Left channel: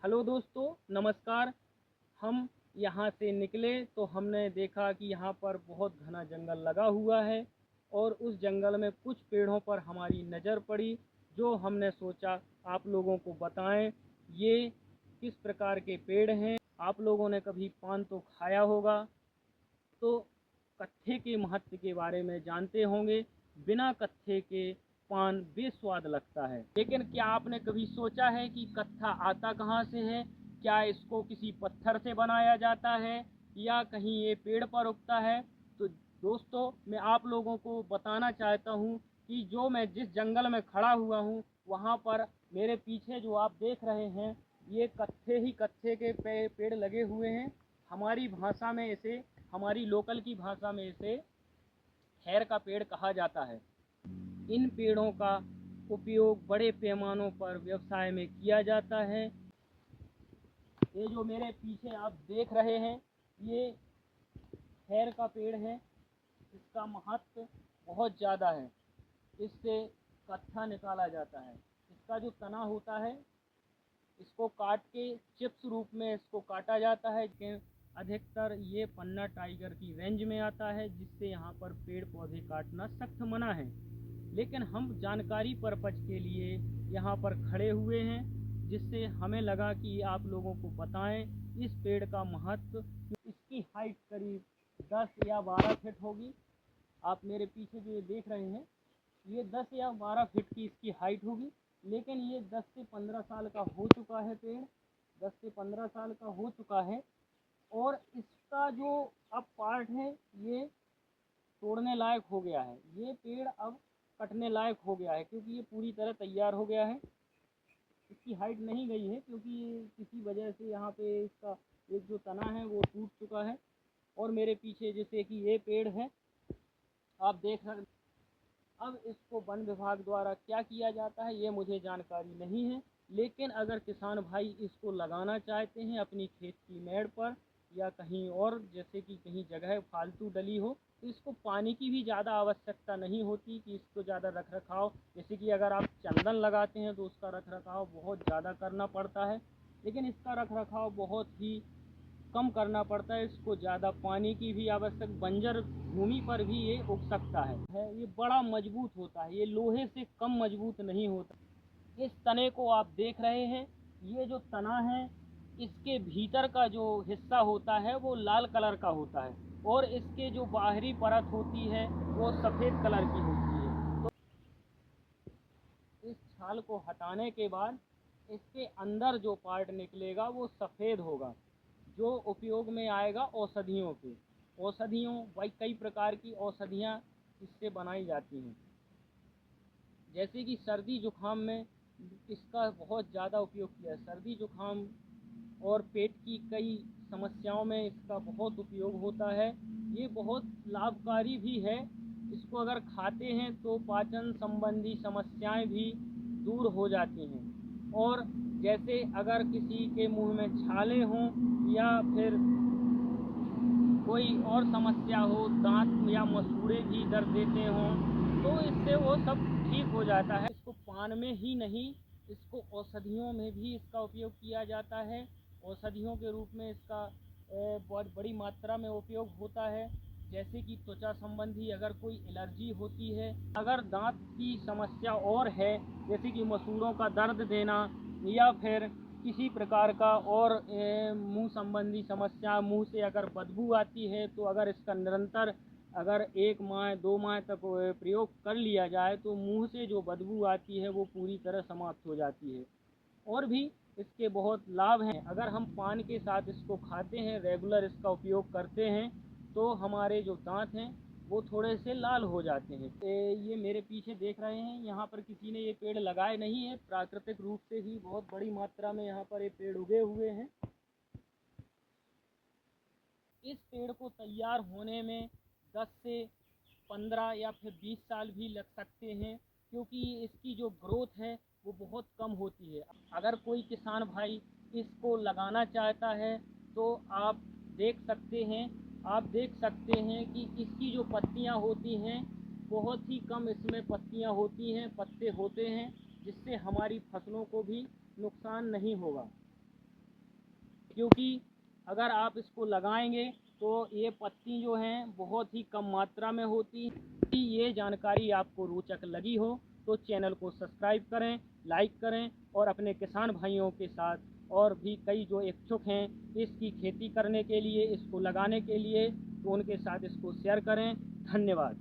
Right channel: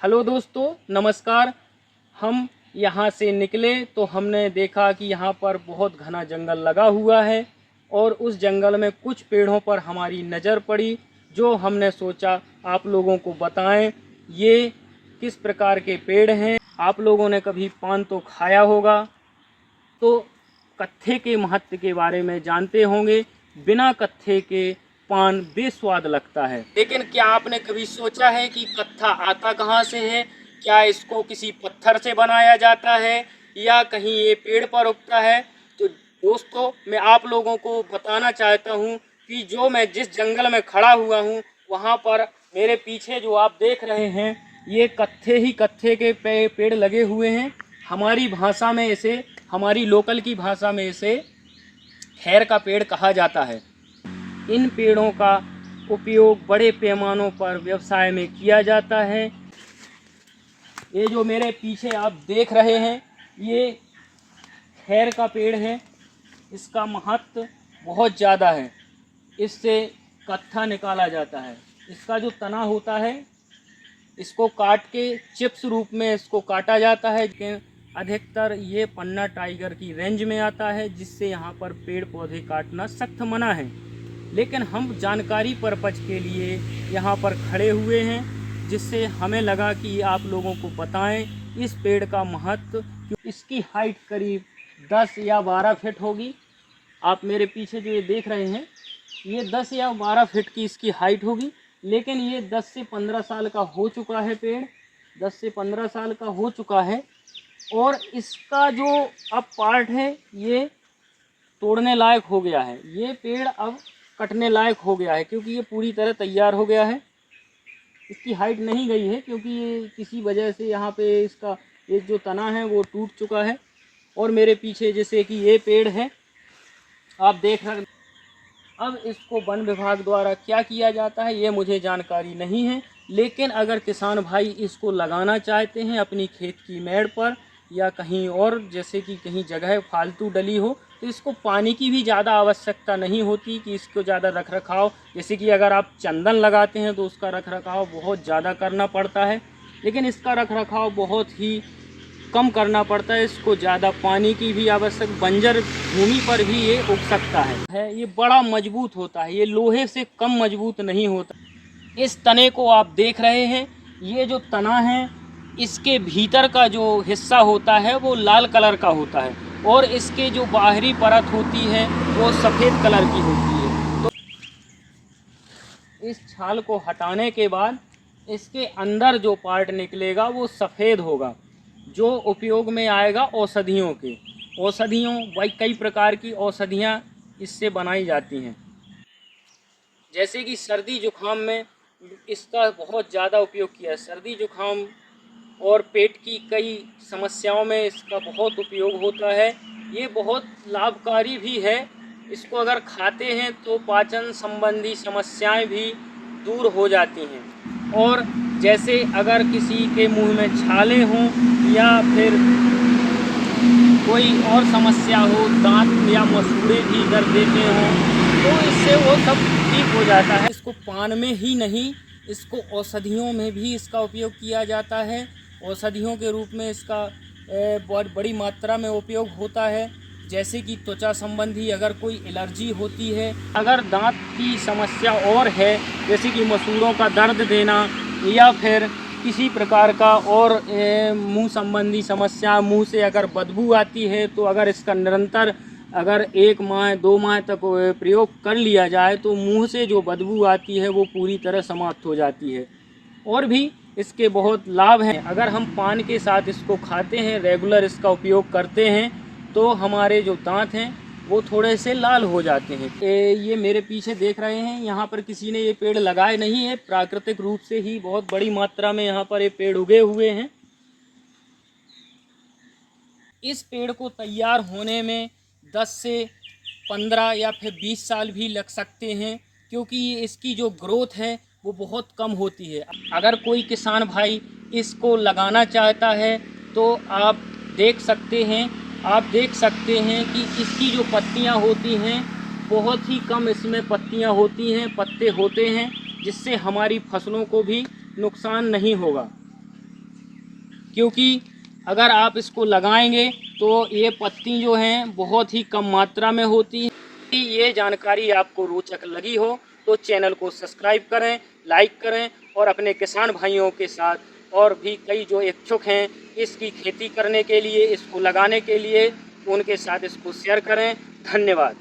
Hello दोस्तों, नमस्कार। हम यहाँ से निकले तो हमने देखा कि यहाँ पर बहुत घना जंगल लगा हुआ है और उस जंगल में कुछ पेड़ों पर हमारी नज़र पड़ी, जो हमने सोचा आप लोगों को बताएं ये किस प्रकार के पेड़ हैं। आप लोगों ने कभी पान तो खाया होगा, तो कत्थे के महत्व के बारे में जानते होंगे। बिना कत्थे के पान बेस्वाद लगता है, लेकिन क्या आपने कभी सोचा है कि कत्था आता कहाँ से है? क्या इसको किसी पत्थर से बनाया जाता है या कहीं ये पेड़ पर उगता है? तो दोस्तों, मैं आप लोगों को बताना चाहता हूँ कि जो मैं जिस जंगल में खड़ा हुआ हूँ, वहाँ पर मेरे पीछे जो आप देख रहे हैं, ये कत्थे के पेड़ लगे हुए हैं। हमारी भाषा में इसे, हमारी लोकल की भाषा में इसे खैर का पेड़ कहा जाता है। इन पेड़ों का उपयोग बड़े पैमानों पर व्यवसाय में किया जाता है। ये जो मेरे पीछे आप देख रहे हैं, ये खैर का पेड़ है। इसका महत्व बहुत ज़्यादा है। इससे कत्था निकाला जाता है। इसका जो तना होता है, इसको काट के चिप्स रूप में इसको काटा जाता है। लेकिन अधिकतर ये पन्ना टाइगर की रेंज में आता है, जिससे यहाँ पर पेड़ पौधे काटना सख्त मना है। लेकिन हम जानकारी पर्पज के लिए यहाँ पर खड़े हुए हैं, जिससे हमें लगा कि आप लोगों को बताएं इस पेड़ का महत्व। इसकी हाइट करीब 10 या 12 फीट होगी। आप मेरे पीछे जो ये देख रहे हैं, ये 10 या 12 फीट की इसकी हाइट होगी। लेकिन ये 10 से 15 साल का हो चुका है पेड़, 10 से 15 साल का हो चुका है। और इसका जो अब पार्ट है, ये तोड़ने लायक हो गया है। ये पेड़ अब कटने लायक हो गया है, क्योंकि ये पूरी तरह तैयार हो गया है। इसकी हाइट नहीं गई है, क्योंकि ये किसी वजह से यहाँ पे इसका एक जो तना है वो टूट चुका है। और मेरे पीछे जैसे कि ये पेड़ है, आप देख रहे हैं। अब इसको वन विभाग द्वारा क्या किया जाता है, ये मुझे जानकारी नहीं है। लेकिन अगर किसान भाई इसको लगाना चाहते हैं अपनी खेत की मेड़ पर या कहीं और, जैसे कि कहीं जगह फालतू डली हो, तो इसको पानी की भी ज़्यादा आवश्यकता नहीं होती कि इसको ज़्यादा रख रखाव। जैसे कि अगर आप चंदन लगाते हैं तो उसका रख रखाव बहुत ज़्यादा करना पड़ता है, लेकिन इसका रख रखाव बहुत ही कम करना पड़ता है। इसको ज़्यादा पानी की भी आवश्यक, बंजर भूमि पर भी ये उग सकता है। ये बड़ा मजबूत होता है, ये लोहे से कम मजबूत नहीं होता। इस तने को आप देख रहे हैं, ये जो तना है, इसके भीतर का जो हिस्सा होता है वो लाल कलर का होता है, और इसके जो बाहरी परत होती है वो सफ़ेद कलर की होती है। तो इस छाल को हटाने के बाद इसके अंदर जो पार्ट निकलेगा वो सफ़ेद होगा, जो उपयोग में आएगा औषधियों के। औषधियों, वही कई प्रकार की औषधियाँ इससे बनाई जाती हैं। जैसे कि सर्दी जुकाम में इसका बहुत ज़्यादा उपयोग किया है। सर्दी जुकाम और पेट की कई समस्याओं में इसका बहुत उपयोग होता है। ये बहुत लाभकारी भी है। इसको अगर खाते हैं तो पाचन संबंधी समस्याएं भी दूर हो जाती हैं। और जैसे अगर किसी के मुंह में छाले हों या फिर कोई और समस्या हो, दांत या मसूड़े भी दर्द देते हों, तो इससे वो सब ठीक हो जाता है। इसको पान में ही नहीं, इसको औषधियों में भी इसका उपयोग किया जाता है। औषधियों के रूप में इसका बहुत बड़ी मात्रा में उपयोग होता है। जैसे कि त्वचा संबंधी अगर कोई एलर्जी होती है, अगर दांत की समस्या और है, जैसे कि मसूड़ों का दर्द देना या फिर किसी प्रकार का और मुंह संबंधी समस्या, मुंह से अगर बदबू आती है, तो अगर इसका निरंतर अगर 1 माह 2 माह तक प्रयोग कर लिया जाए तो मुंह से जो बदबू आती है वो पूरी तरह समाप्त हो जाती है। और भी इसके बहुत लाभ हैं। अगर हम पान के साथ इसको खाते हैं, रेगुलर इसका उपयोग करते हैं, तो हमारे जो दांत हैं वो थोड़े से लाल हो जाते हैं। ये मेरे पीछे देख रहे हैं, यहाँ पर किसी ने ये पेड़ लगाए नहीं है, प्राकृतिक रूप से ही बहुत बड़ी मात्रा में यहाँ पर ये पेड़ उगे हुए हैं। इस पेड़ को तैयार होने में 10 से 15 या फिर 20 साल भी लग सकते हैं, क्योंकि इसकी जो ग्रोथ है वो बहुत कम होती है। अगर कोई किसान भाई इसको लगाना चाहता है तो आप देख सकते हैं कि इसकी जो पत्तियां होती हैं बहुत ही कम इसमें पत्तियां होती हैं, पत्ते होते हैं, जिससे हमारी फसलों को भी नुकसान नहीं होगा। क्योंकि अगर आप इसको लगाएंगे तो ये पत्ती जो हैं बहुत ही कम मात्रा में होती हैं। यदि ये जानकारी आपको रोचक लगी हो तो चैनल को सब्सक्राइब करें, लाइक करें और अपने किसान भाइयों के साथ और भी कई जो इच्छुक हैं इसकी खेती करने के लिए, इसको लगाने के लिए, उनके साथ इसको शेयर करें। धन्यवाद।